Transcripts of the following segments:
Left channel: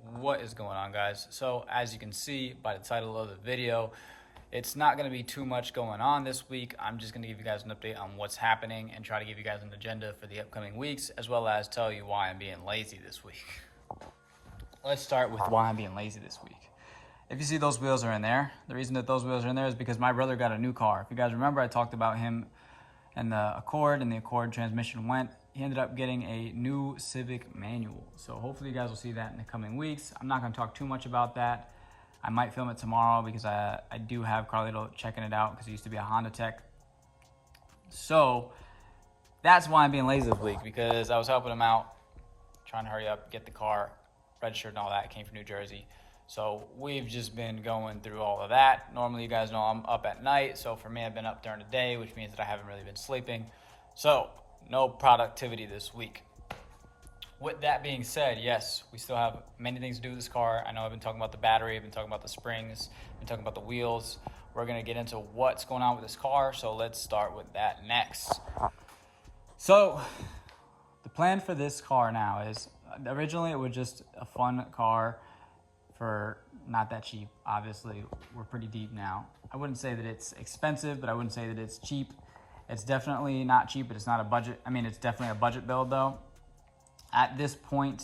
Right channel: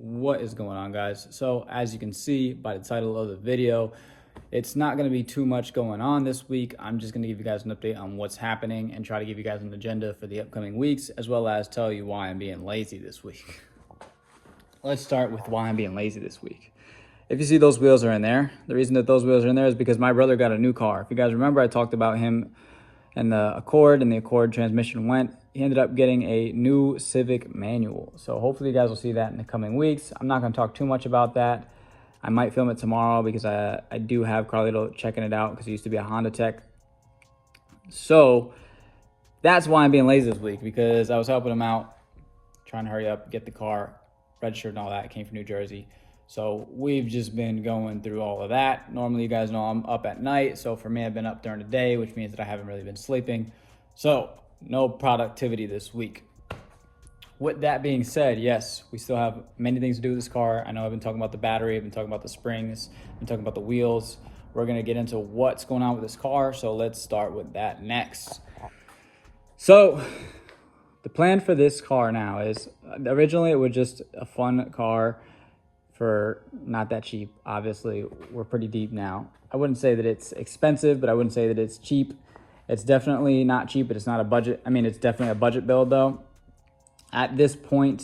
What is going on, guys? So as you can see by the title of the video, it's not going to be too much going on this week. I'm just going to give you guys an update on what's happening and try to give you guys an agenda for the upcoming weeks, as well as tell you why I'm being lazy this week. Let's start with why I'm being lazy this week. If you see those wheels are in there, the reason that those wheels are in there is because my brother got a new car. If you guys remember, I talked about him and the Accord transmission went. He ended up getting a new Civic manual. So hopefully you guys will see that in the coming weeks. I'm not going to talk too much about that. I might film it tomorrow because I do have Carlito checking it out because he used to be a Honda tech. So that's why I'm being lazy this week, because I was helping him out, trying to hurry up, get the car registered and all that. It came from New Jersey. So we've just been going through all of that. Normally you guys know I'm up at night. So for me, I've been up during the day, which means that I haven't really been sleeping. So no productivity this week. With that being said, yes, we still have many things to do with this car. I know I've been talking about the battery, I've been talking about the springs, I've been talking about the wheels. We're gonna get into what's going on with this car. So let's start with that next. So the plan for this car now is, originally it was just a fun car for not that cheap. Obviously, we're pretty deep now. I wouldn't say that it's expensive, but I wouldn't say that it's cheap. It's definitely not cheap, but it's not a budget. I mean, it's definitely a budget build though. At this point,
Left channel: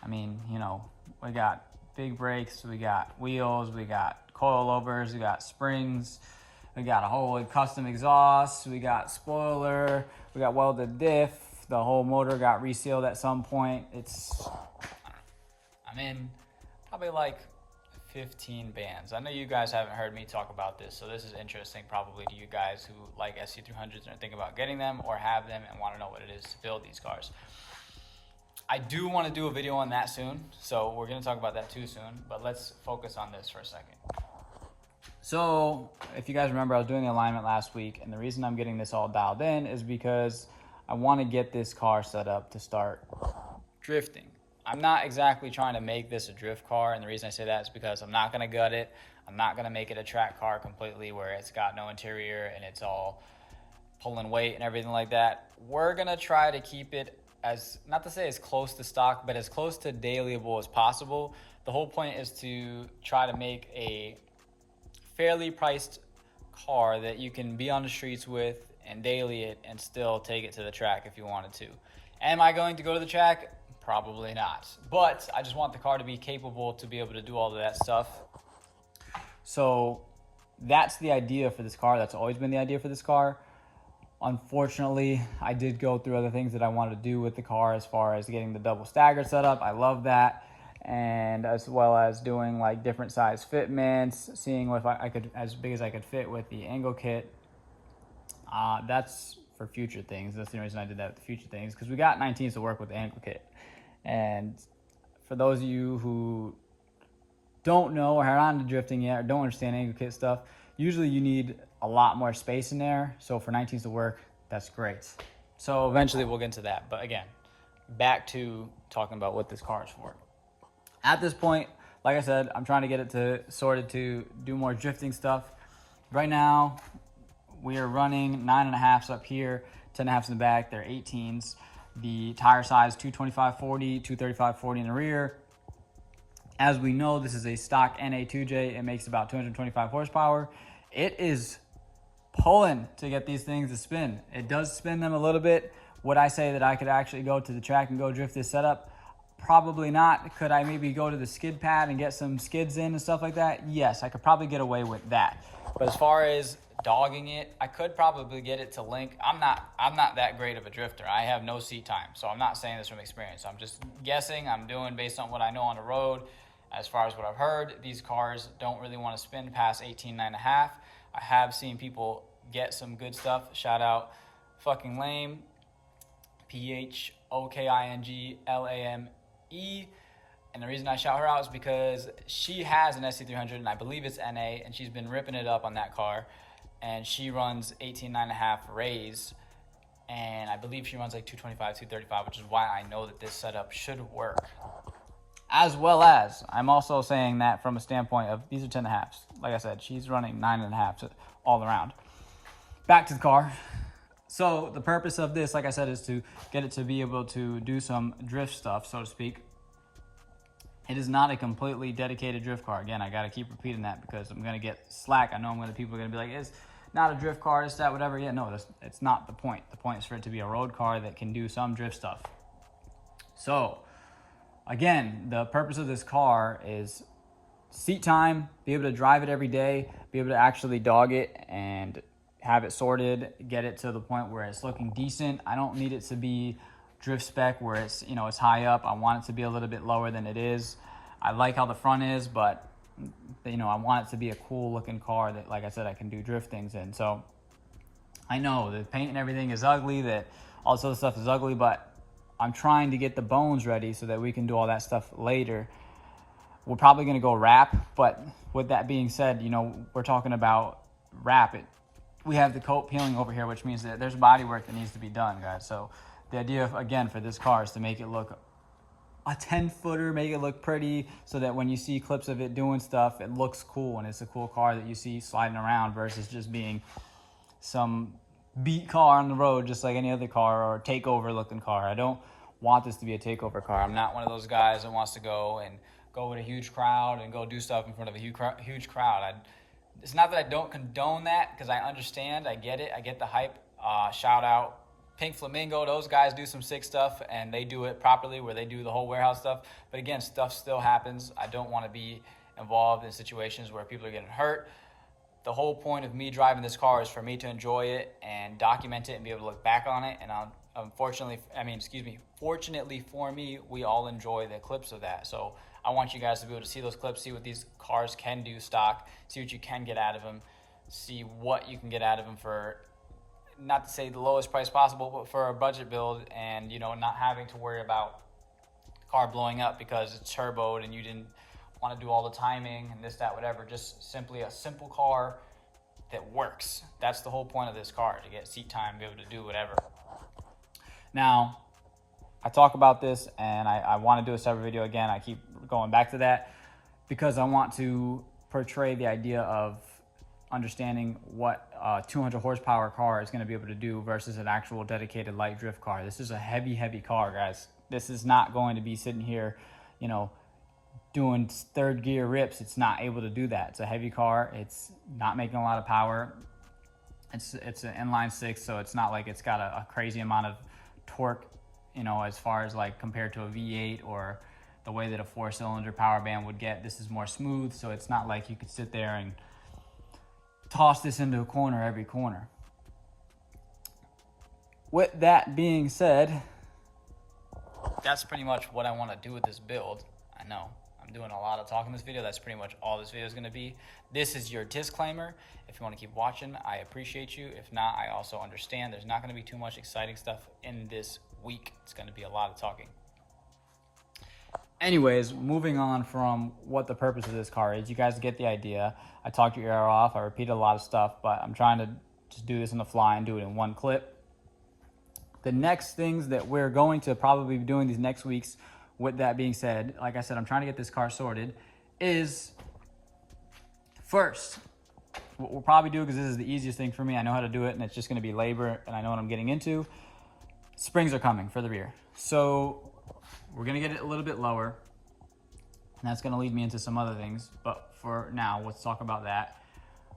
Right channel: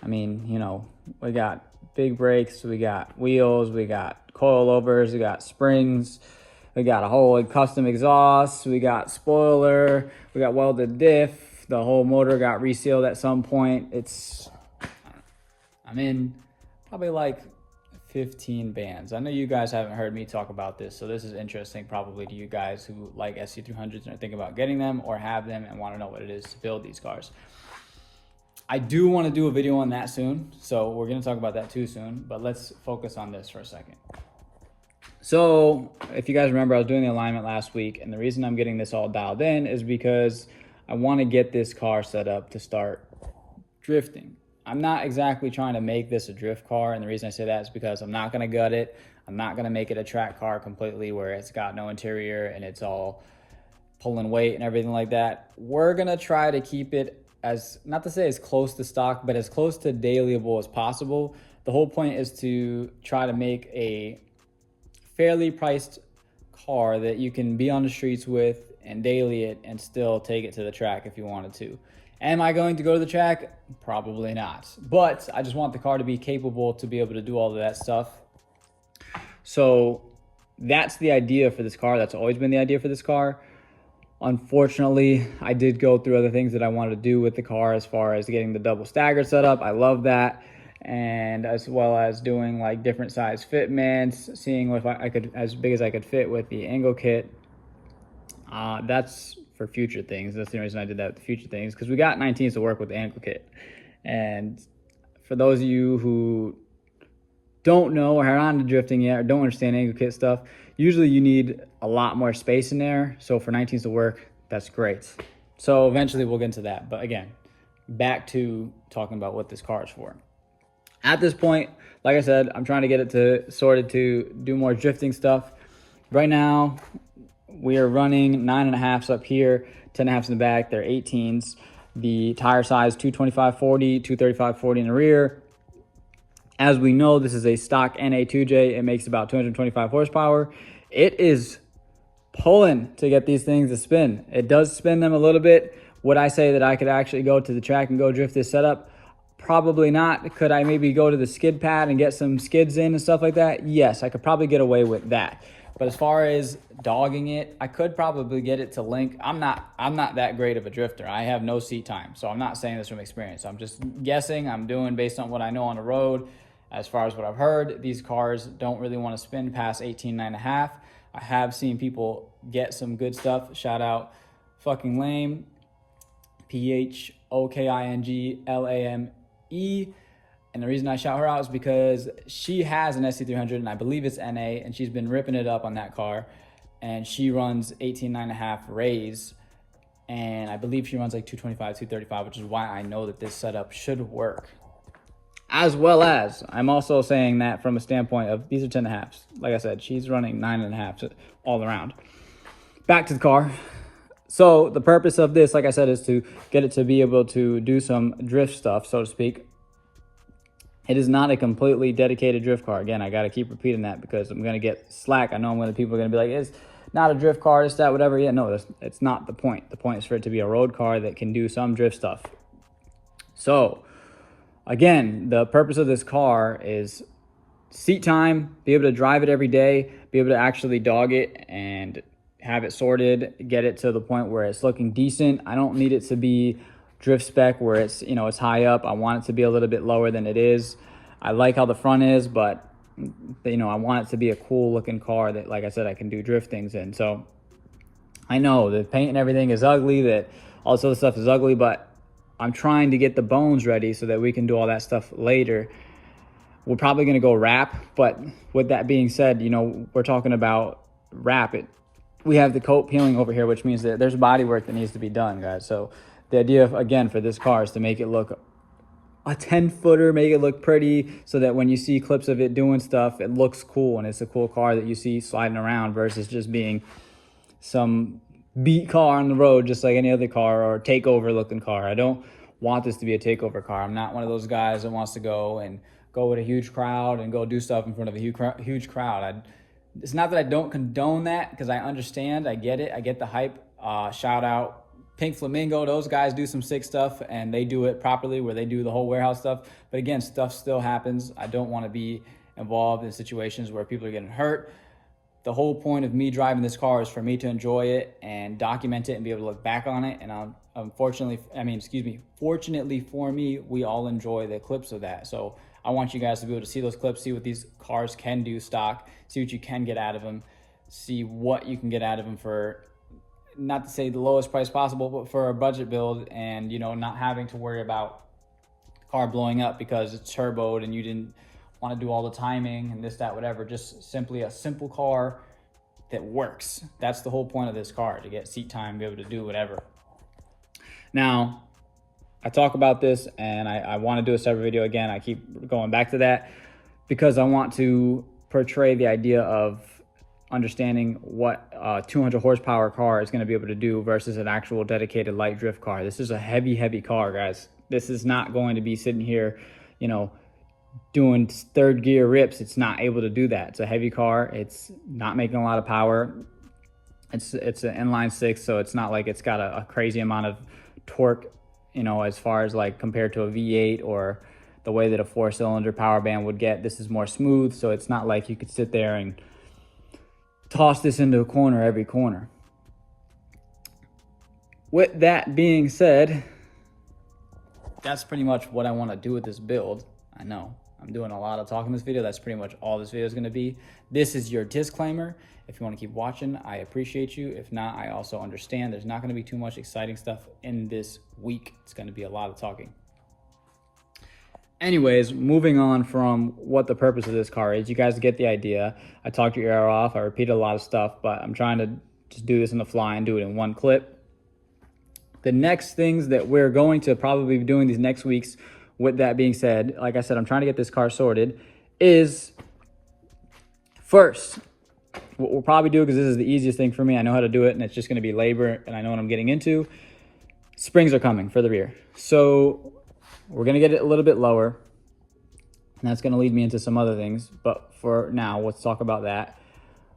I mean, you know, we got big brakes, we got wheels, we got coilovers, we got springs, we got a whole custom exhaust, we got spoiler, we got welded diff. The whole motor got resealed at some point. I'm in probably like 15 bands. I know you guys haven't heard me talk about this, so this is interesting probably to you guys who like SC300s and are thinking about getting them or have them and want to know what it is to build these cars. I do want to do a video on that soon, so we're going to talk about that too soon, but let's focus on this for a second. So if you guys remember, I was doing the alignment last week, and the reason I'm getting this all dialed in is because I want to get this car set up to start drifting. I'm not exactly trying to make this a drift car, and the reason I say that is because I'm not going to gut it. I'm not going to make it a track car completely where it's got no interior and it's all pulling weight and everything like that. We're going to try to keep it as, not to say as close to stock, but as close to dailyable as possible. The whole point is to try to make a fairly priced car that you can be on the streets with and daily it and still take it to the track if you wanted to. Am I going to go to the track? Probably not. But I just want the car to be capable to be able to do all of that stuff. So that's the idea for this car. That's always been the idea for this car. Unfortunately, I did go through other things that I wanted to do with the car, as far as getting the double stagger set up. I love that. And as well as doing like different size fitments, seeing if I could, as big as I could fit with the angle kit. That's for future things. That's the reason I did that with the future things, because we got 19s to work with the angle kit. And for those of you who don't know or are not into drifting yet or don't understand angle kit stuff, usually you need a lot more space in there. So for 19s to work, that's great. So eventually we'll get into that. But again, back to talking about what this car is for. At this point, like I said, I'm trying to get it sorted to do more drifting stuff. Right now, we are running 9.5s up here, 10.5s in the back. They're 18s. The tire size 225/40, 235/40 in the rear. As we know, this is a stock NA2J. It makes about 225 horsepower. It is pulling to get these things to spin. It does spin them a little bit. Would I say that I could actually go to the track and go drift this setup? Probably not. Could I maybe go to the skid pad and get some skids in and stuff like that? Yes, I could probably get away with that. But as far as dogging it, I could probably get it to link. I'm not that great of a drifter. I have no seat time, so I'm not saying this from experience. I'm just guessing. I'm doing based on what I know on the road. As far as what I've heard, these cars don't really want to spin past 18.5. I have seen people get some good stuff. Shout out fucking lame, PHOKINGLAME. And the reason I shout her out is because she has an SC300, and I believe it's NA, and she's been ripping it up on that car. And she runs 18.5 rays, and I believe she runs like 225, 235, which is why I know that this setup should work. As well as, I'm also saying that from a standpoint of, these are 10.5s. Like I said, she's running 9.5 all around. Back to the car. So the purpose of this, like I said, is to get it to be able to do some drift stuff, so to speak. It is not a completely dedicated drift car. Again, I got to keep repeating that because I'm going to get slack. I know people are going to be like, it's not a drift car, it's that, whatever. Yeah, no, it's not the point. The point is for it to be a road car that can do some drift stuff. So, again, the purpose of this car is seat time, be able to drive it every day, be able to actually dog it and have it sorted, get it to the point where it's looking decent. I don't need it to be drift spec where it's, it's high up. I want it to be a little bit lower than it is. I like how the front is, but I want it to be a cool looking car that, like I said, I can do drift things in. So I know the paint and everything is ugly, that all this other stuff is ugly, but I'm trying to get the bones ready so that we can do all that stuff later. We're probably going to go wrap, but with that being said, we're talking about wrap it. We have the coat peeling over here, which means that there's body work that needs to be done, guys. So the idea, again, for this car is to make it look a 10-footer, make it look pretty so that when you see clips of it doing stuff, it looks cool and it's a cool car that you see sliding around versus just being some beat car on the road just like any other car or takeover looking car. I don't want this to be a takeover car. I'm not one of those guys that wants to go with a huge crowd and go do stuff in front of a huge crowd. It's not that I don't condone that, because I understand, I get it, I get the hype. Shout out Pink Flamingo, those guys do some sick stuff and they do it properly where they do the whole warehouse stuff. But again, stuff still happens. I don't want to be involved in situations where people are getting hurt. The whole point of me driving this car is for me to enjoy it and document it and be able to look back on it. And fortunately for me, we all enjoy the clips of that. So I want you guys to be able to see those clips, see what these cars can do stock, see what you can get out of them, see what you can get out of them for, not to say the lowest price possible, but for a budget build, and not having to worry about the car blowing up because it's turboed and you didn't want to do all the timing and this, that, whatever. Just simply a simple car that works. That's the whole point of this car, to get seat time, be able to do whatever. Now, I talk about this and I want to do a separate video again. I keep going back to that because I want to portray the idea of understanding what a 200 horsepower car is going to be able to do versus an actual dedicated light drift car. This is a heavy car, guys. This is not going to be sitting here, doing third gear rips. It's not able to do that. It's a heavy car. It's not making a lot of power. It's an inline six, so it's not like it's got a crazy amount of torque, as far as like compared to a V8 or the way that a 4-cylinder power band would get. This is more smooth, so it's not like you could sit there and toss this into a corner every corner. With that being said, that's pretty much what I want to do with this build. I know I'm doing a lot of talking in this video. That's pretty much all this video is going to be. This is your disclaimer. If you want to keep watching, I appreciate you. If not, I also understand. There's not going to be too much exciting stuff in this week. It's going to be a lot of talking. Anyways, moving on from what the purpose of this car is, you guys get the idea. I talked your ear off. I repeated a lot of stuff, but I'm trying to just do this on the fly and do it in one clip. The next things that we're going to probably be doing these next weeks, with that being said, like I said, I'm trying to get this car sorted, is first, what we'll probably do, because this is the easiest thing for me, I know how to do it, and it's just going to be labor, and I know what I'm getting into. Springs are coming for the rear. So we're going to get it a little bit lower, and that's going to lead me into some other things. But for now, let's talk about that.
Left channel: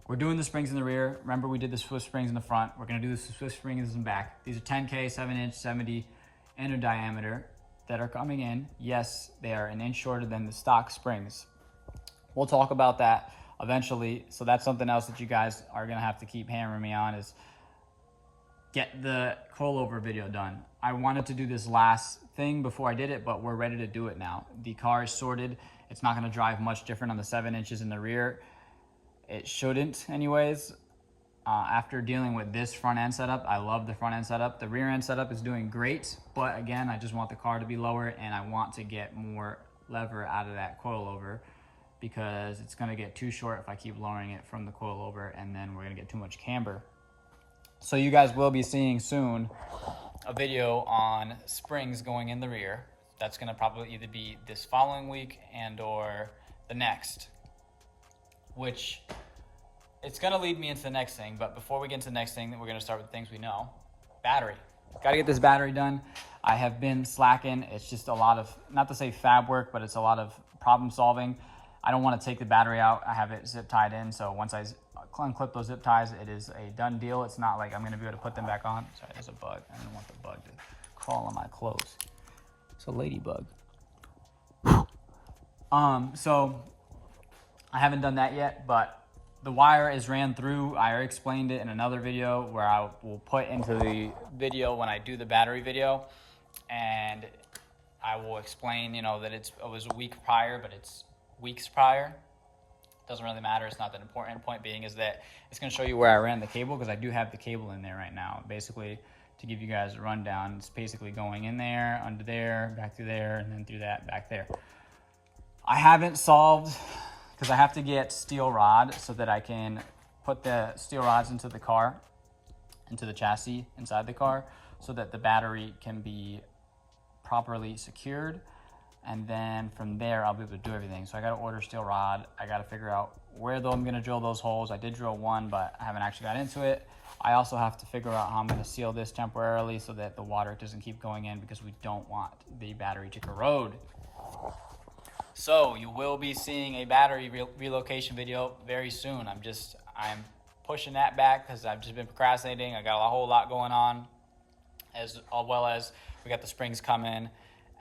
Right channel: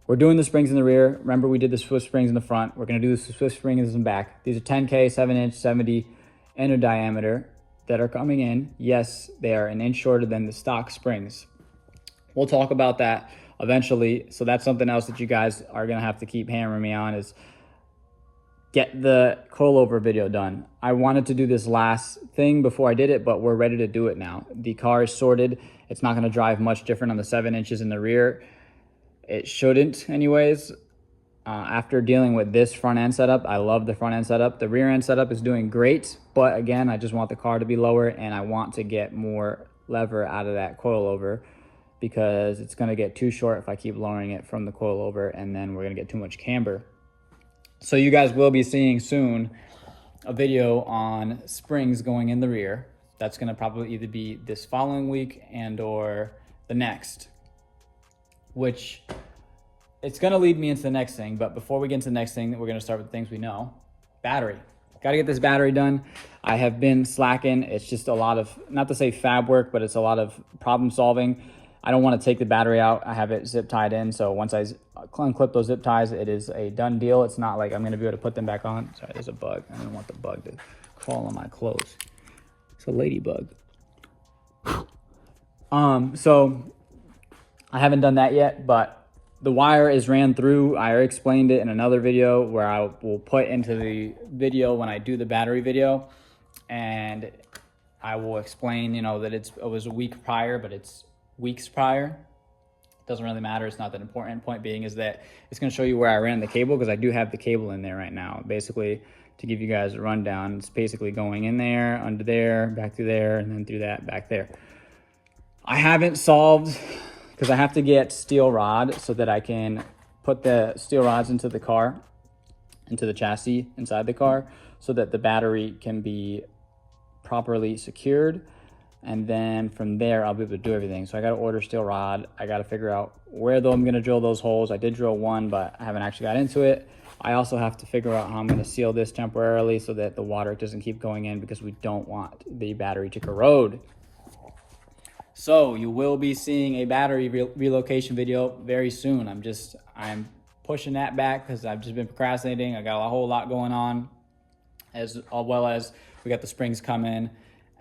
We're doing the springs in the rear. Remember, we did the Swift springs in the front. We're going to do the Swift springs in the back. These are 10K, 7-inch, 70 inner diameter that are coming in. Yes, they are an inch shorter than the stock springs. We'll talk about that eventually. So that's something else that you guys are going to have to keep hammering me on, is get the coilover video done. I wanted to do this last thing before I did it, but we're ready to do it now. The car is sorted. It's not going to drive much different on the 7 inches in the rear. It shouldn't anyways. After dealing with this front end setup, I love the front end setup. The rear end setup is doing great, but again, I just want the car to be lower, and I want to get more lever out of that coilover, because it's going to get too short if I keep lowering it from the coilover, and then we're going to get too much camber. So you guys will be seeing soon a video on springs going in the rear. That's going to probably either be this following week and or the next, which it's going to lead me into the next thing. But before we get into the next thing, we're going to start with things we know. Battery. Got to get this battery done. I have been slacking. It's just a lot of, not to say fab work, but it's a lot of problem solving. I don't want to take the battery out. I have it zip tied in. So once I unclip those zip ties, it is a done deal. It's not like I'm going to be able to put them back on. Sorry, there's a bug. I don't want the bug to crawl on my clothes. It's a ladybug. So I haven't done that yet, but the wire is ran through. I already explained it in another video where I will put into the video when I do the battery video, and I will explain, you know, that it was a week prior, but it's weeks prior. Doesn't really matter. It's not that important. Point being is that it's going to show you where I ran the cable, because I do have the cable in there right now. Basically, to give you guys a rundown, it's basically going in there, under there, back through there, and then through that, back there. I haven't solved, because I have to get steel rod so that I can put the steel rods into the car, into the chassis inside the car, so that the battery can be properly secured. And then from there, I'll be able to do everything. So I got to order steel rod. I got to figure out where though I'm going to drill those holes. I did drill one, but I haven't actually got into it. I also have to figure out how I'm going to seal this temporarily so that the water doesn't keep going in, because we don't want the battery to corrode. So you will be seeing a battery relocation video very soon. I'm pushing that back because I've just been procrastinating. I got a whole lot going on, as well as we got the springs coming,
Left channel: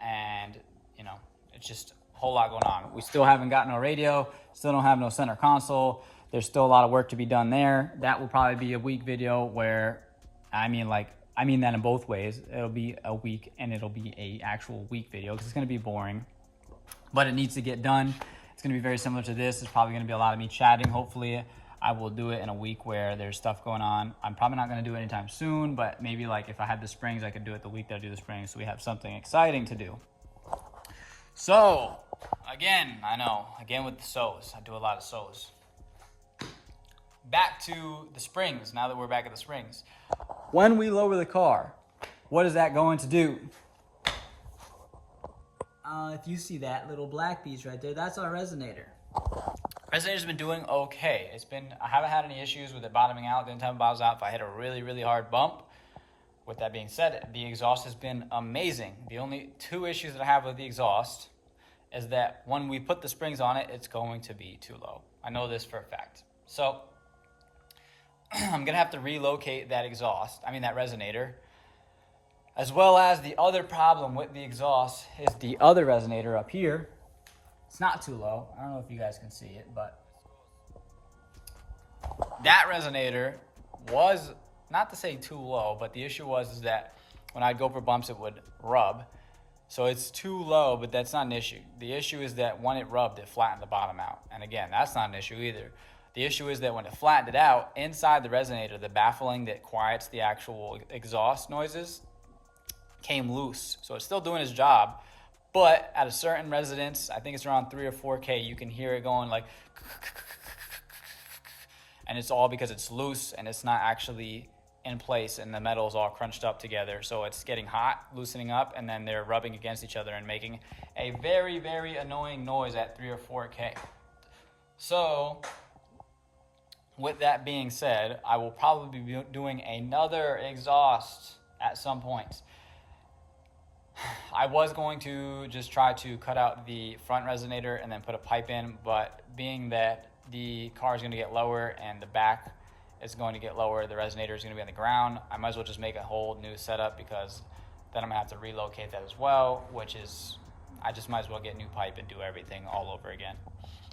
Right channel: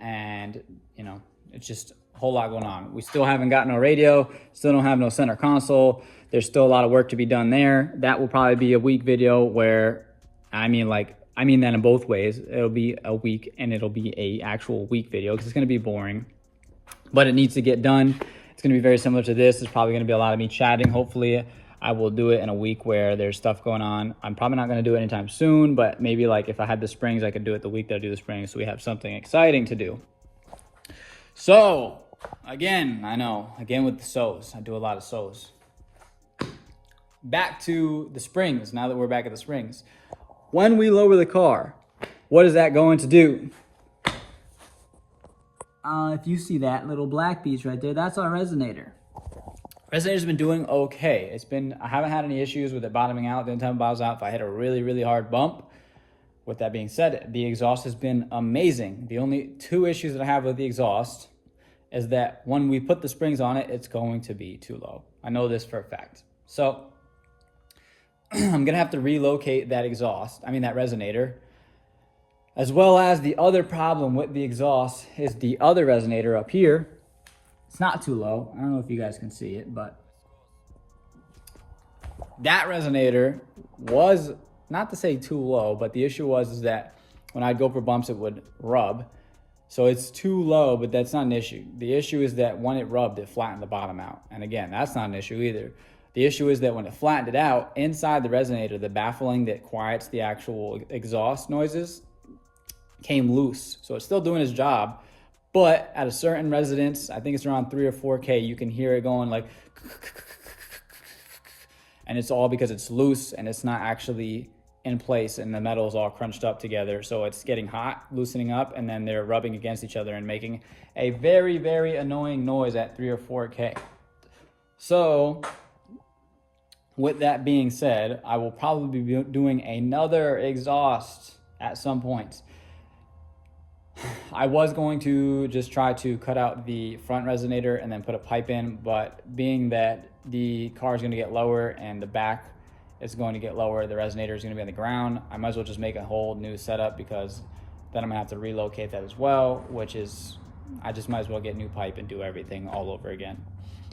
and you know, it's just a whole lot going on. We still haven't got no radio, still don't have no center console. There's still a lot of work to be done there. That will probably be a week video where, I mean that in both ways. It'll be a week and it'll be a actual week video, because it's going to be boring, but it needs to get done. It's going to be very similar to this. It's probably going to be a lot of me chatting. Hopefully I will do it in a week where there's stuff going on. I'm probably not going to do it anytime soon, but maybe like if I had the springs, I could do it the week that I do the springs, so we have something exciting to do. So again, with the sows, I do a lot of sows. Back to the springs. Now that we're back at the springs, when we lower the car, what is that going to do? If you see that little black piece right there, that's our resonator. Resonator's been doing okay. I haven't had any issues with it bottoming out. The only time it bottoms out if I hit a really, really hard bump. With that being said, the exhaust has been amazing. The only two issues that I have with the exhaust is that when we put the springs on it, it's going to be too low. I know this for a fact. So I'm gonna have to relocate that that resonator. As well as the other problem with the exhaust is the other resonator up here. It's not too low. I don't know if you guys can see it, but that resonator was, not to say too low, but the issue is that when I'd go for bumps, it would rub. So it's too low, but that's not an issue. The issue is that when it rubbed, it flattened the bottom out. And again, that's not an issue either. The issue is that when it flattened it out, inside the resonator, the baffling that quiets the actual exhaust noises came loose. So it's still doing its job, but at a certain resonance, I think it's around 3 or 4K, you can hear it going like, and it's all because it's loose and it's not actually in place, and the metal is all crunched up together. So it's getting hot, loosening up, and then they're rubbing against each other and making a very, very annoying noise at 3 or 4K. So with that being said, I will probably be doing another exhaust at some point. I was going to just try to cut out the front resonator and then put a pipe in, but being that the car is going to get lower and the back is going to get lower, the resonator is going to be on the ground, I might as well just make a whole new setup, because then I'm going to have to relocate that as well, which is, I just might as well get new pipe and do everything all over again.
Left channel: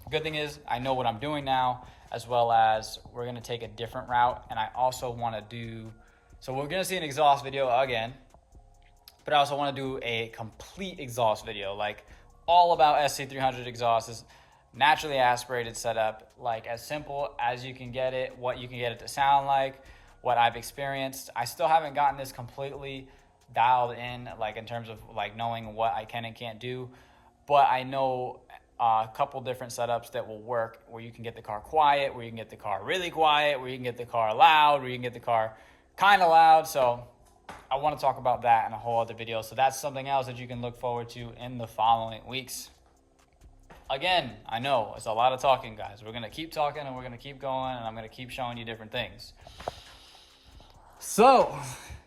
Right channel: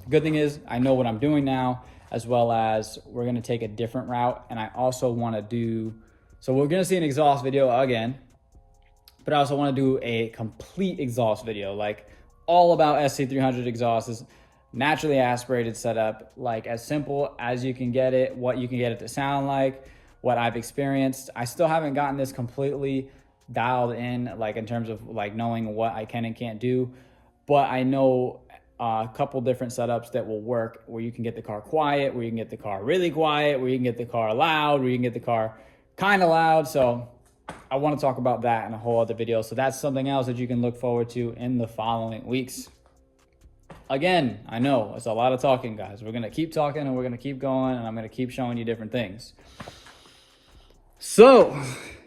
The good thing is I know what I'm doing now, as well as we're going to take a different route, and I also want to do, so we're going to see an exhaust video again, but I also want to do a complete exhaust video, like all about SC300 exhausts, naturally aspirated setup, like as simple as you can get it, what you can get it to sound like, what I've experienced. I still haven't gotten this completely dialed in, like in terms of like knowing what I can and can't do, but I know a couple different setups that will work, where you can get the car quiet, where you can get the car really quiet, where you can get the car loud, where you can get the car kind of loud. So I want to talk about that in a whole other video. So that's something else that you can look forward to in the following weeks. Again, I know it's a lot of talking, guys. We're going to keep talking and we're going to keep going, and I'm going to keep showing you different things. So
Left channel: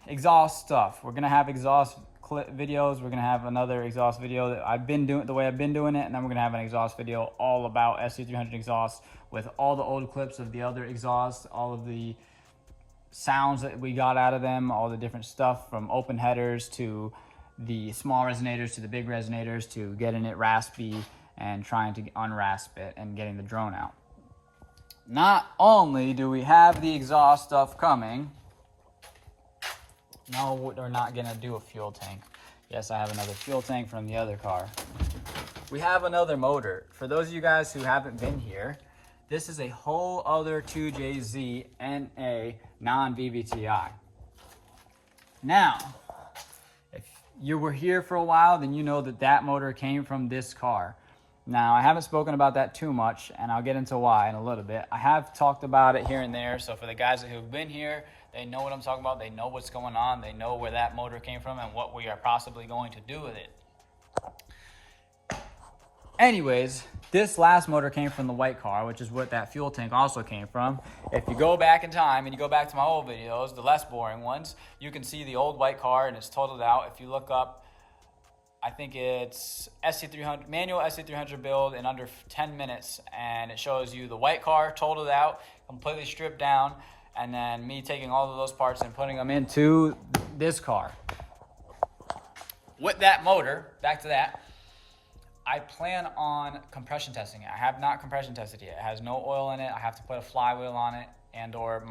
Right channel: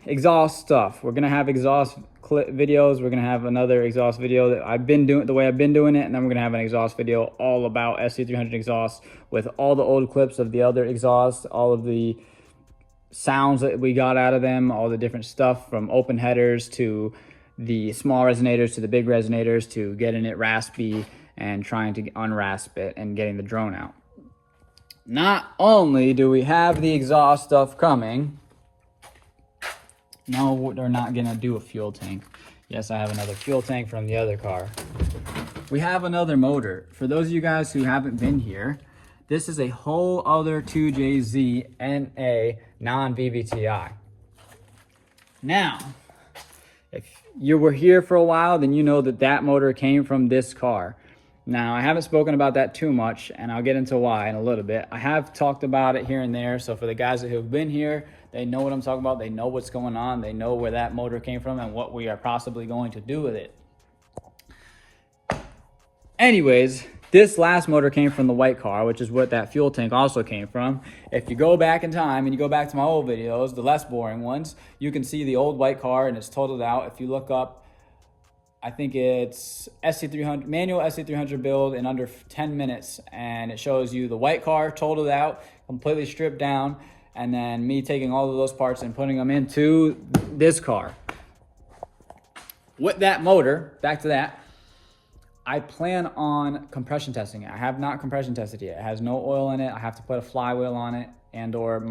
exhaust stuff. We're going to have exhaust videos. We're gonna have another exhaust video that I've been doing the way I've been doing it, and then we're gonna have an exhaust video all about SC300 exhaust with all the old clips of the other exhausts, all of the sounds that we got out of them, all the different stuff from open headers to the small resonators to the big resonators to getting it raspy and trying to unrasp it and getting the drone out. Not only do we have the exhaust stuff coming, no, we're not gonna do a fuel tank. Yes, I have another fuel tank from the other car. We have another motor. For those of you guys who haven't been here, this is a whole other 2JZ NA non-VVTi. Now, if you were here for a while, then you know that that motor came from this car. Now, I haven't spoken about that too much, and I'll get into why in a little bit. I have talked about it here and there, so for the guys who have been here, they know what I'm talking about. They know what's going on. They know where that motor came from and what we are possibly going to do with it. Anyways, this last motor came from the white car, which is what that fuel tank also came from. If you go back in time and you go back to my old videos, the less boring ones, you can see the old white car and it's totaled out. If you look up, I think it's SC300, manual SC300 build in under 10 minutes, and it shows you the white car totaled out, completely stripped down, and then me taking all of those parts and putting them into this car. With that motor, back to that, I plan on compression testing it. I have not compression tested yet. It has no oil in it. I have to put a flywheel on it, and or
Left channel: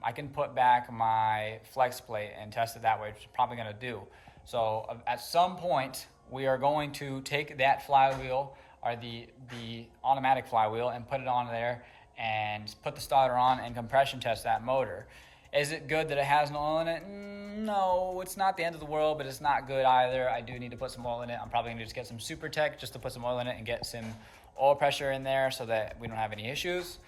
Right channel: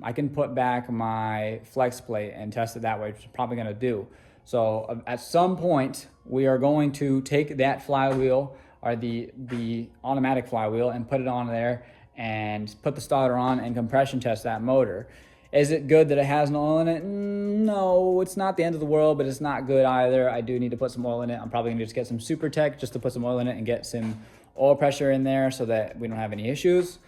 I can put back my flex plate and test it that way, which I'm probably gonna do. So at some point, we are going to take that flywheel, or the automatic flywheel, and put it on there and put the starter on and compression test that motor. Is it good that it has no oil in it? No, it's not the end of the world, but it's not good either. I do need to put some oil in it. I'm probably gonna just get some Super Tech just to put some oil in it and get some oil pressure in there so that we don't have any issues.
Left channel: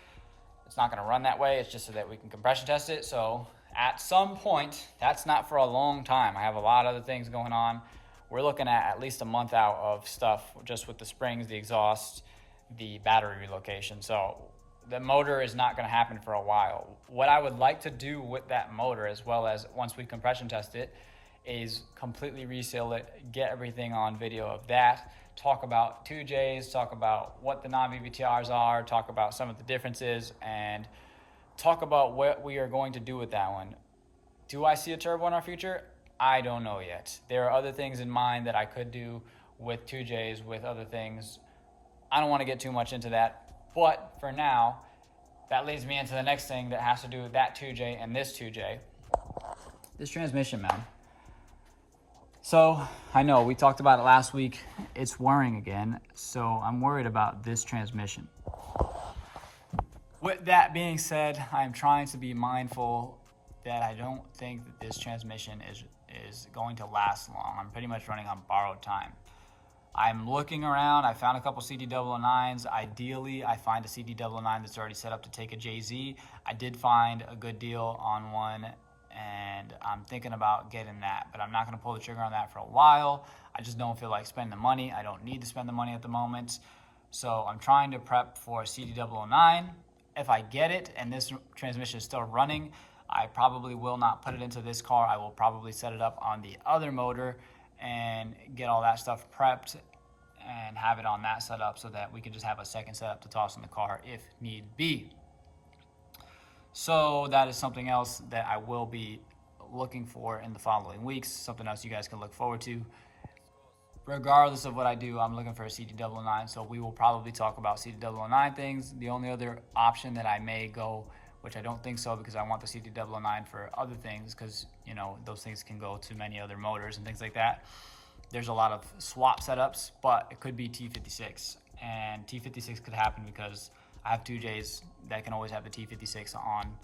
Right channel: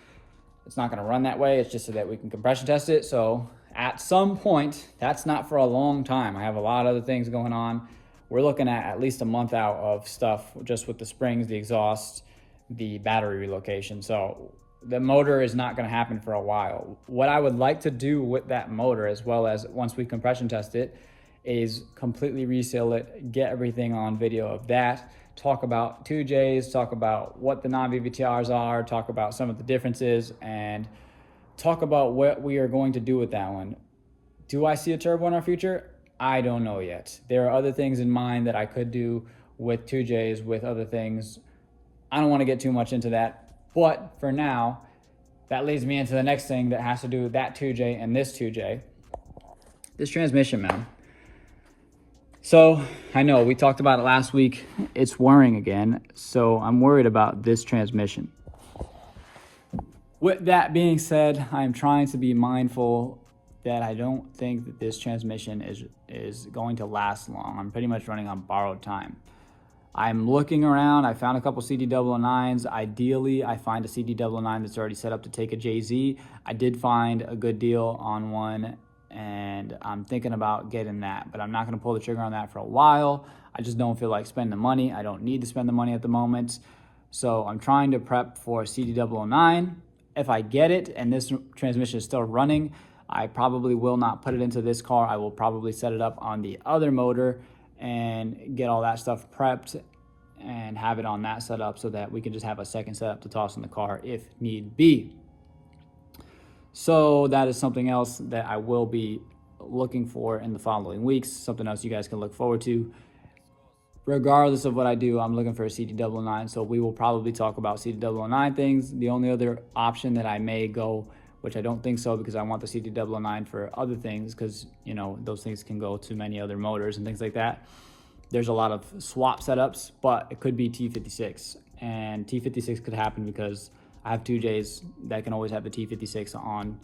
It's not gonna run that way. It's just so that we can compression test it. So at some point, that's not for a long time. I have a lot of other things going on. We're looking at least a month out of stuff just with the springs, the exhaust, the battery relocation. So the motor is not going to happen for a while. What I would like to do with that motor, as well as once we compression test it, is completely reseal it, get everything on video of that, talk about 2Js, talk about what the non-VVTRs are, talk about some of the differences, and talk about what we are going to do with that one. Do I see a turbo in our future? I don't know yet. There are other things in mind that I could do with 2Js, with other things. I don't want to get too much into that. But for now, that leads me into the next thing that has to do with that 2J and this 2J. This transmission mount. So I know we talked about it last week. It's whirring again. So I'm worried about this transmission. With that being said, I'm trying to be mindful that I don't think that this transmission is going to last long. I'm pretty much running on borrowed time. I'm looking around. I found a couple CD009s. Ideally, I find a CD009 that's already set up to take a JZ. I did find a good deal on one, and I'm thinking about getting that, but I'm not going to pull the trigger on that for a while. I just don't feel like spending the money. I don't need to spend the money at the moment. So I'm trying to prep for CD009. If I get it and this transmission is still running, I probably will not put it into this car. I will probably set it up on the other motor and get all that stuff prepped and have it on that setup so that we can just have a second setup to toss in the car if need be. So that is something else that I will be looking for in the following weeks, something else you guys can look forward to. Regardless of what I do, I'm looking for a CD009, so we will probably talk about CD009 things. The only other option that I may go, which I don't think so because I want the CD009 for other things, because you know those things can go to many other motors and things like that. There's a lot of swap setups, but it could be T56, and T56 could happen because I have 2Js that can always have the T56 on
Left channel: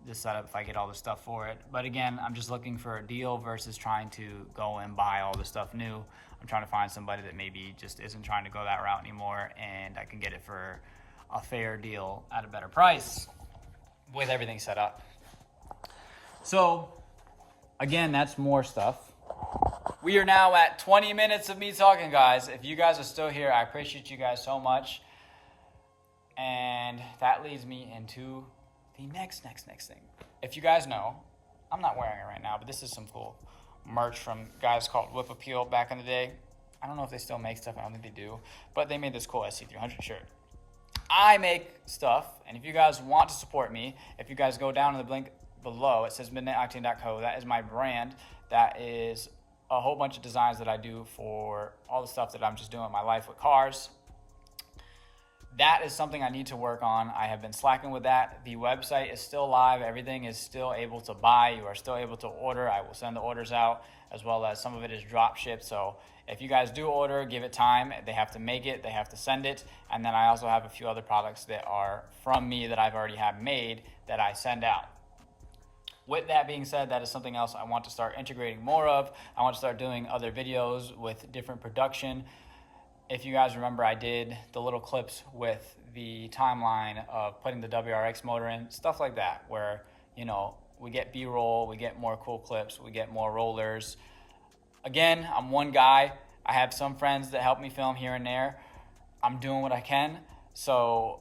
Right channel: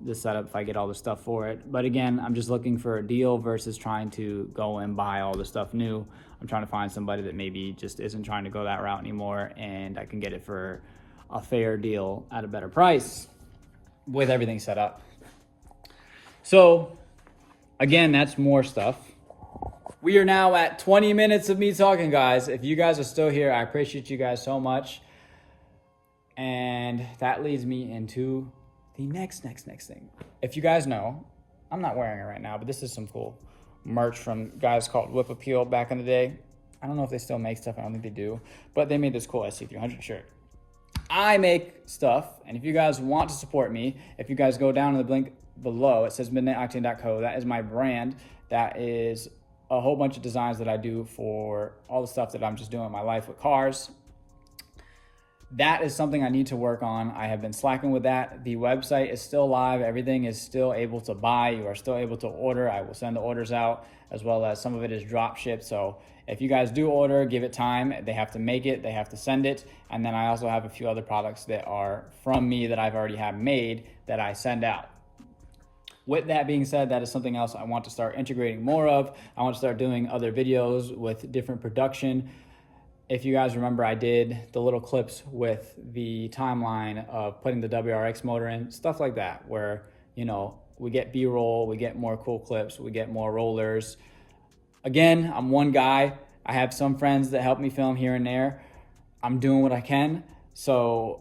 this setup if I get all the stuff for it. But again, I'm just looking for a deal versus trying to go and buy all the stuff new. I'm trying to find somebody that maybe just isn't trying to go that route anymore, and I can get it for a fair deal at a better price with everything set up. So again, that's more stuff. We are now at 20 minutes of me talking, guys. If you guys are still here, I appreciate you guys so much. And that leads me into the next thing. If you guys know, I'm not wearing it right now, but this is some cool merch from guys called Whip Appeal back in the day. I don't know if they still make stuff. I don't think they do. But they made this cool SC300 shirt. I make stuff, and if you guys want to support me, if you guys go down in the link below, it says midnightoctane.co. That is my brand. That is a whole bunch of designs that I do for all the stuff that I'm just doing in my life with cars. That is something I need to work on. I have been slacking with that. The website is still live. Everything is still able to buy. You are still able to order. I will send the orders out, as well as some of it is drop shipped. So if you guys do order, give it time. They have to make it, they have to send it. And then I also have a few other products that are from me that I've already had made that I send out. With that being said, that is something else I want to start integrating more of. I want to start doing other videos with different production. If you guys remember, I did the little clips with the timeline of putting the WRX motor in, stuff like that, where, you know, we get B-roll, we get more cool clips, we get more rollers. Again, I'm one guy. I have some friends that help me film here and there. I'm doing what I can. So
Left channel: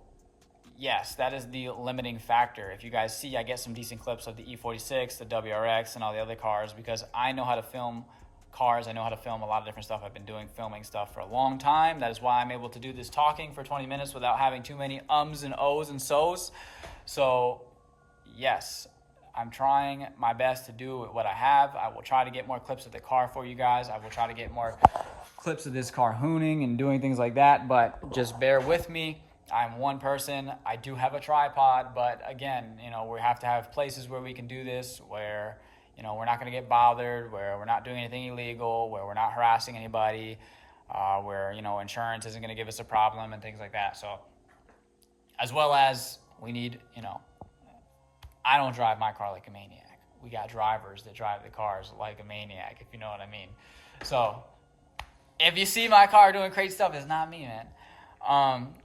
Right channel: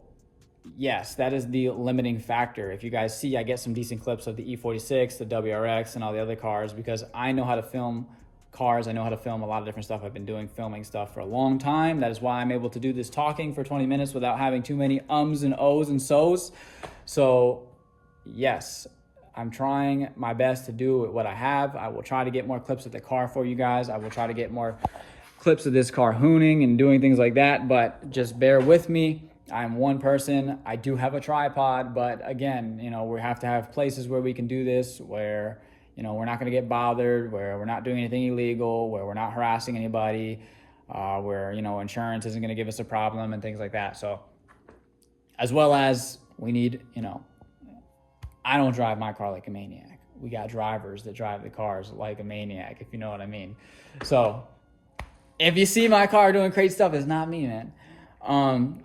yes, that is the limiting factor. If you guys see, I get some decent clips of the E46, the WRX, and all the other cars because I know how to film cars. I know how to film a lot of different stuff. I've been doing filming stuff for a long time. That is why I'm able to do this talking for 20 minutes without having too many ums and ohs and so's. So yes, I'm trying my best to do what I have. I will try to get more clips of the car for you guys. I will try to get more clips of this car hooning and doing things like that, but just bear with me. I'm one person. I do have a tripod, but again, you know, we have to have places where we can do this, where, you know, we're not going to get bothered, where we're not doing anything illegal, where we're not harassing anybody, where, you know, insurance isn't going to give us a problem and things like that. So as well as we need, you know, I don't drive my car like a maniac. We got drivers that drive the cars like a maniac, if you know what I mean. So if you see my car doing crazy stuff, it's not me, man.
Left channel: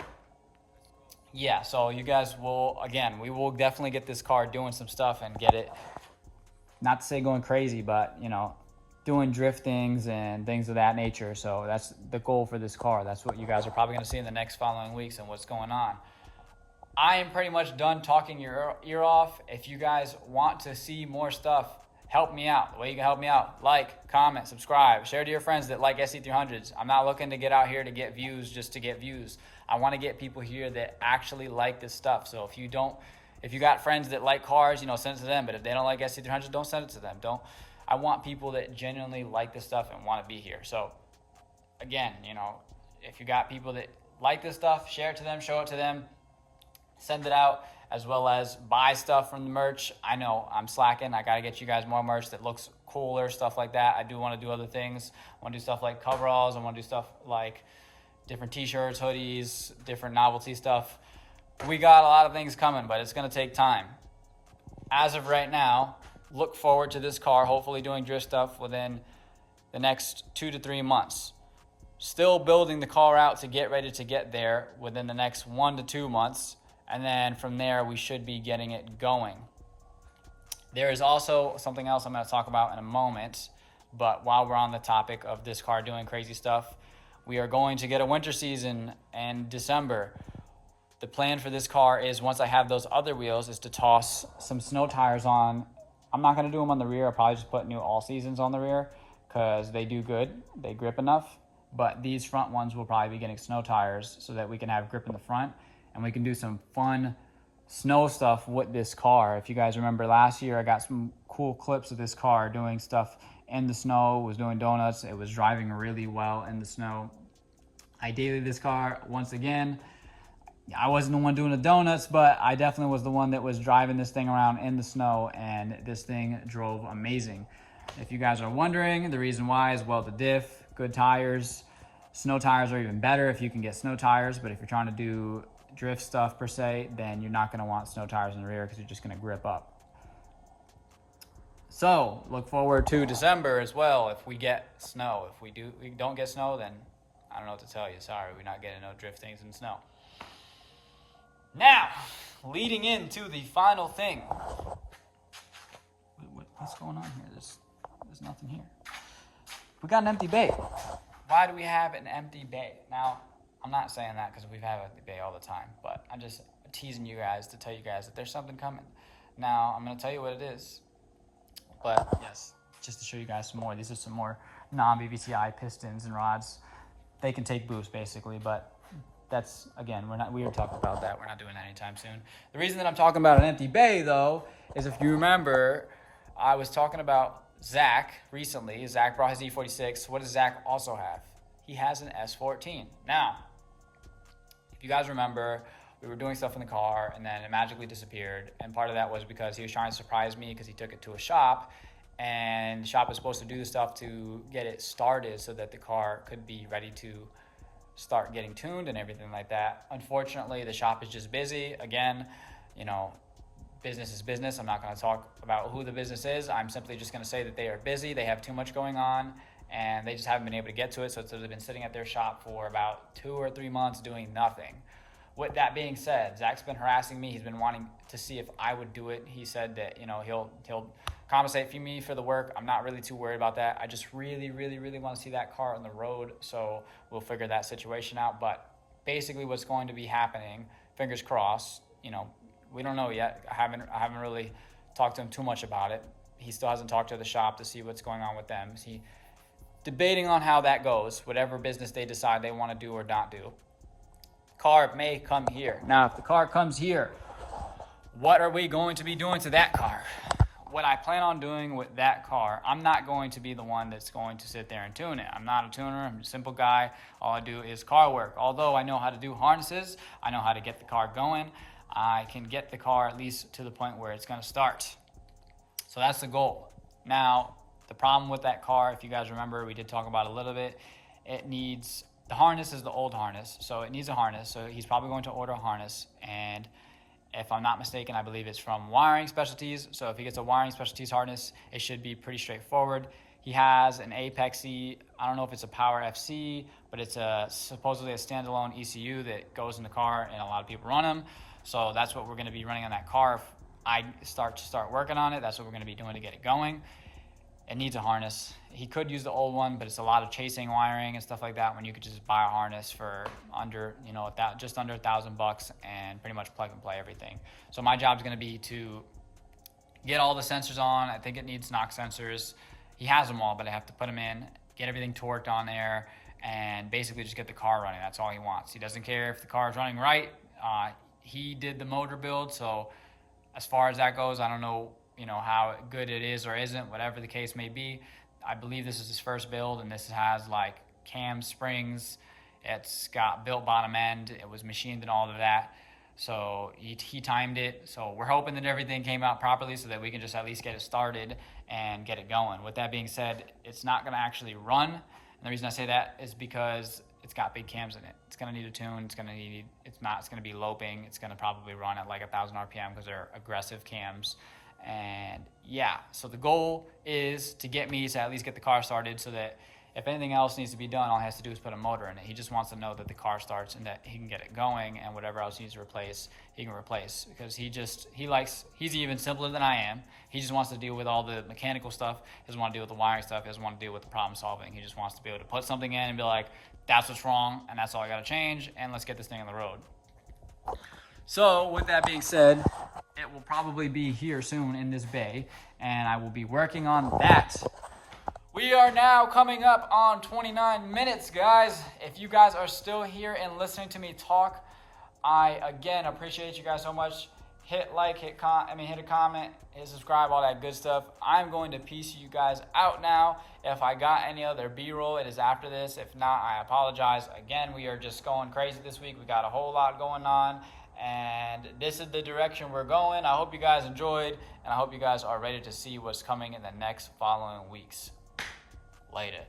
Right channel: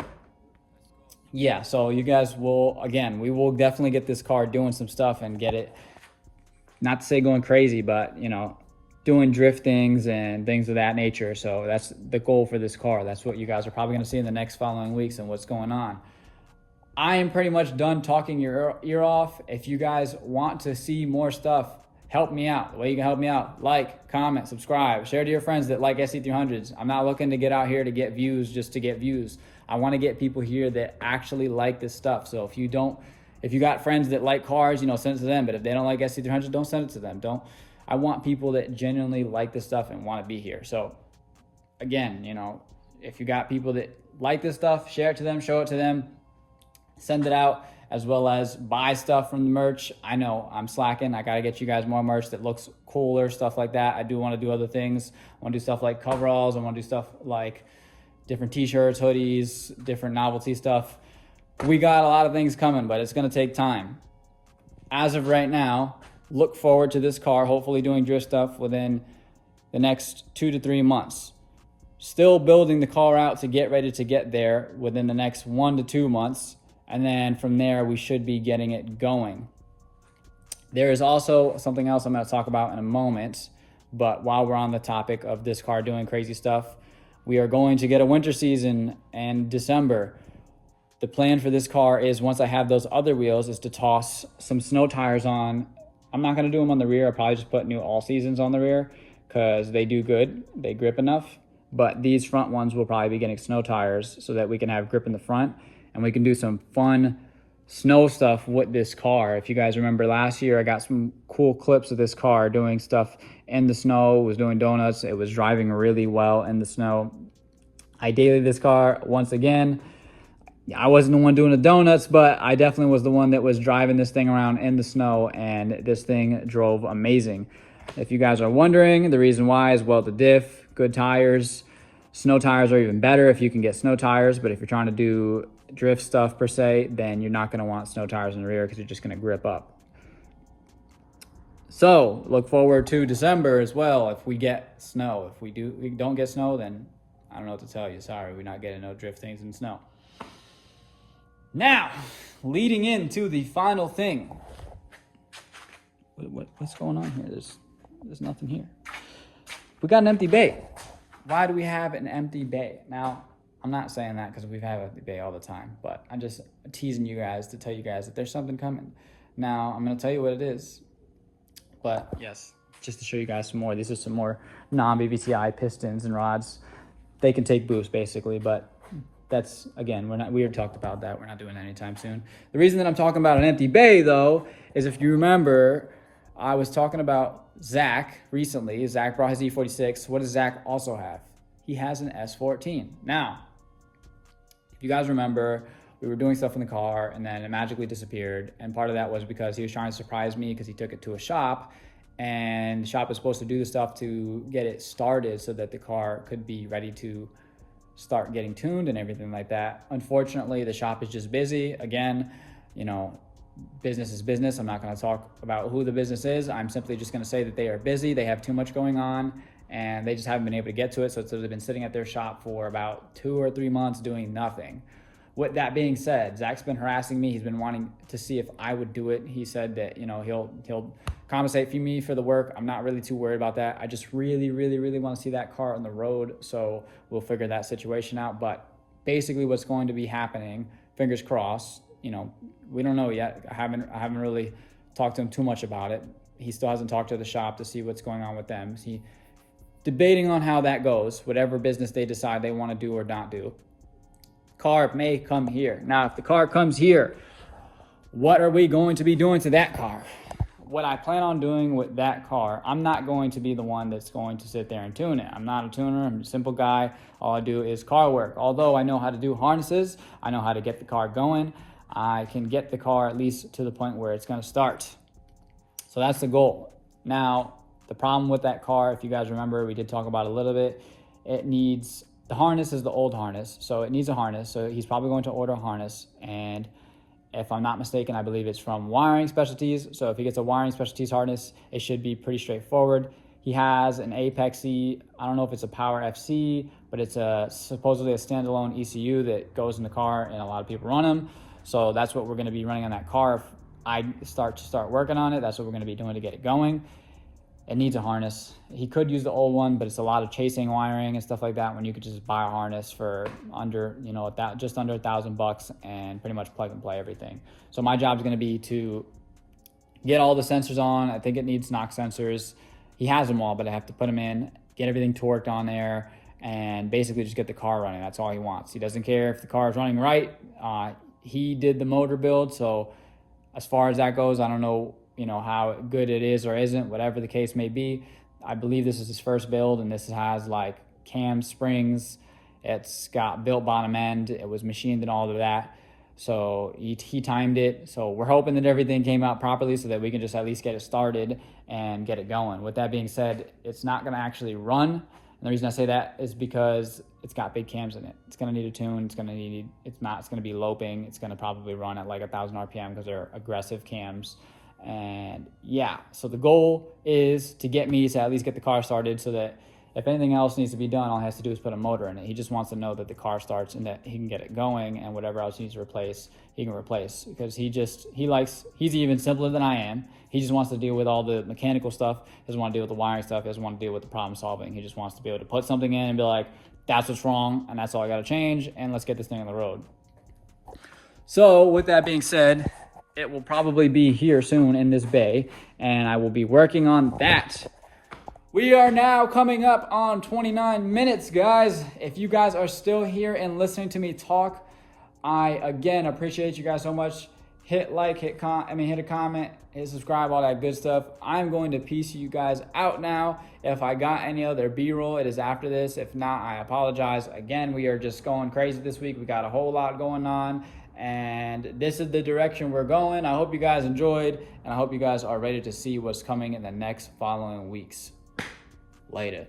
Yeah, so you guys will, again, we will definitely get this car doing some stuff and get it, not to say going crazy, but, you know, doing drift things and things of that nature. So that's the goal for this car. That's what you guys are probably going to see in the next following weeks and what's going on. I am pretty much done talking your ear off. If you guys want to see more stuff, help me out. The way you can help me out, like, comment, subscribe, share to your friends that like SC300s. I'm not looking to get out here to get views just to get views. I want to get people here that actually like this stuff. So if you got friends that like cars, you know, send it to them. But if they don't like SC300s, don't send it to them. I want people that genuinely like this stuff and want to be here. So again, you know, if you got people that like this stuff, share it to them, show it to them, send it out, as well as buy stuff from the merch. I know I'm slacking. I got to get you guys more merch that looks cooler, stuff like that. I do want to do other things. I want to do stuff like coveralls. I want to do stuff like different t-shirts, hoodies, different novelty stuff. We got a lot of things coming, but it's going to take time. As of right now, look forward to this car hopefully doing drift stuff within the next 2 to 3 months. Still building the car out to get ready to get there within the next 1 to 2 months. And then from there, we should be getting it going. There is also something else I'm going to talk about in a moment. But while we're on the topic of this car doing crazy stuff, we are going to get a winter season in December. The plan for this car is, once I have those other wheels, is to toss some snow tires on. I'm not going to do them on the rear. I'll probably just put new all seasons on the rear because they do good. They grip enough. But these front ones will probably be getting snow tires so that we can have grip in the front. And we can do some fun snow stuff with this car. If you guys remember last year, I got some cool clips of this car doing stuff in the snow, was doing donuts. It was driving really well in the snow. I dailied this car once again. I wasn't the one doing the donuts, but I definitely was the one that was driving this thing around in the snow, and this thing drove amazing. If you guys are wondering, the reason why is, well, the diff, good tires. Snow tires are even better if you can get snow tires, but if you're trying to do drift stuff per se, then you're not going to want snow tires in the rear because you're just going to grip up. So look forward to December as well. If we get snow, if we don't get snow, then I don't know what to tell you. Sorry, we're not getting no drift things in snow. Now, leading into the final thing. What's going on here? There's nothing here. We got an empty bay. Why do we have an empty bay? Now, I'm not saying that because we've had an empty bay all the time, but I'm just teasing you guys to tell you guys that there's something coming. Now, I'm going to tell you what it is. But yes, just to show you guys some more. These are some more non-BVCI pistons and rods. They can take boost basically, but that's, again, we already talked about that. We're not doing that anytime soon. The reason that I'm talking about an empty bay though, is if you remember, I was talking about Zach recently. Zach brought his E46. What does Zach also have? He has an S14. Now, if you guys remember, we were doing stuff in the car and then it magically disappeared. And part of that was because he was trying to surprise me because he took it to a shop, and the shop was supposed to do the stuff to get it started so that the car could be ready to start getting tuned and everything like that. Unfortunately, the shop is just busy. Again, you know, business is business. I'm not going to talk about who the business is. I'm simply just going to say that they are busy. They have too much going on and they just haven't been able to get to it. So they've been sitting at their shop for about 2 or 3 months doing nothing. With that being said, Zach's been harassing me. He's been wanting to see if I would do it. He said that, you know, he'll compensate for me for the work. I'm not really too worried about that. I just really want to see that car on the road. So we'll figure that situation out. But basically what's going to be happening, fingers crossed, you know, we don't know yet. I haven't really talked to him too much about it. He still hasn't talked to the shop to see what's going on with them. He's debating on how that goes, whatever business they decide they want to do or not do. Car may come here. Now, if the car comes here, what are we going to be doing to that car? What I plan on doing with that car, I'm not going to be the one that's going to sit there and tune it. I'm not a tuner. I'm a simple guy. All I do is car work. Although I know how to do harnesses, I know how to get the car going. I can get the car at least to the point where it's going to start. So that's the goal. Now, the problem with that car, if you guys remember, we did talk about it a little bit. It needs, the harness is the old harness, so it needs a harness. So he's probably going to order a harness, and if I'm not mistaken, I believe it's from Wiring Specialties. So if he gets a Wiring Specialties harness, it should be pretty straightforward. He has an Apexy, I don't know if it's a Power FC, but it's supposedly a standalone ECU that goes in the car, and a lot of people run them. So that's what we're going to be running on that car. If I start working on it, that's what we're going to be doing to get it going. It needs a harness. He could use the old one, but it's a lot of chasing wiring and stuff like that when you could just buy a harness for under, you know, just under $1,000 and pretty much plug and play everything. So my job is going to be to get all the sensors on. I think it needs knock sensors. He has them all, but I have to put them in, get everything torqued on there, and basically just get the car running. That's all he wants. He doesn't care if the car is running right. He did the motor build, so as far as that goes, I don't know, you know, how good it is or isn't, whatever the case may be. I believe this is his first build, and this has like cam springs. It's got built bottom end. It was machined and all of that. So he timed it. So we're hoping that everything came out properly so that we can just at least get it started and get it going. With that being said, it's not going to actually run. And the reason I say that is because it's got big cams in it. It's going to need a tune. It's going to be loping. It's going to probably run at like 1,000 RPM because they're aggressive cams. And yeah, so the goal is to get me to at least get the car started so that if anything else needs to be done, all he has to do is put a motor in it. He just wants to know that the car starts and that he can get it going, and whatever else needs to replace, he can replace, because he's even simpler than I am. He just wants to deal with all the mechanical stuff. He doesn't want to deal with the wiring stuff. He doesn't want to deal with the problem solving. He just wants to be able to put something in and be like, that's what's wrong, and that's all I got to change, and let's get this thing on the road. So with that being said, it will probably be here soon in this bay, and I will be working on that. We are now coming up on 29 minutes, guys. If you guys are still here and listening to me talk, I again appreciate you guys so much. Hit like, hit a comment, hit subscribe, all that good stuff. I'm going to piece you guys out now. If I got any other B-roll, it is after this. If not, I apologize. Again, we are just going crazy this week. We got a whole lot going on, and this is the direction we're going. I hope you guys enjoyed, and I hope you guys are ready to see what's coming in the next following weeks. Later.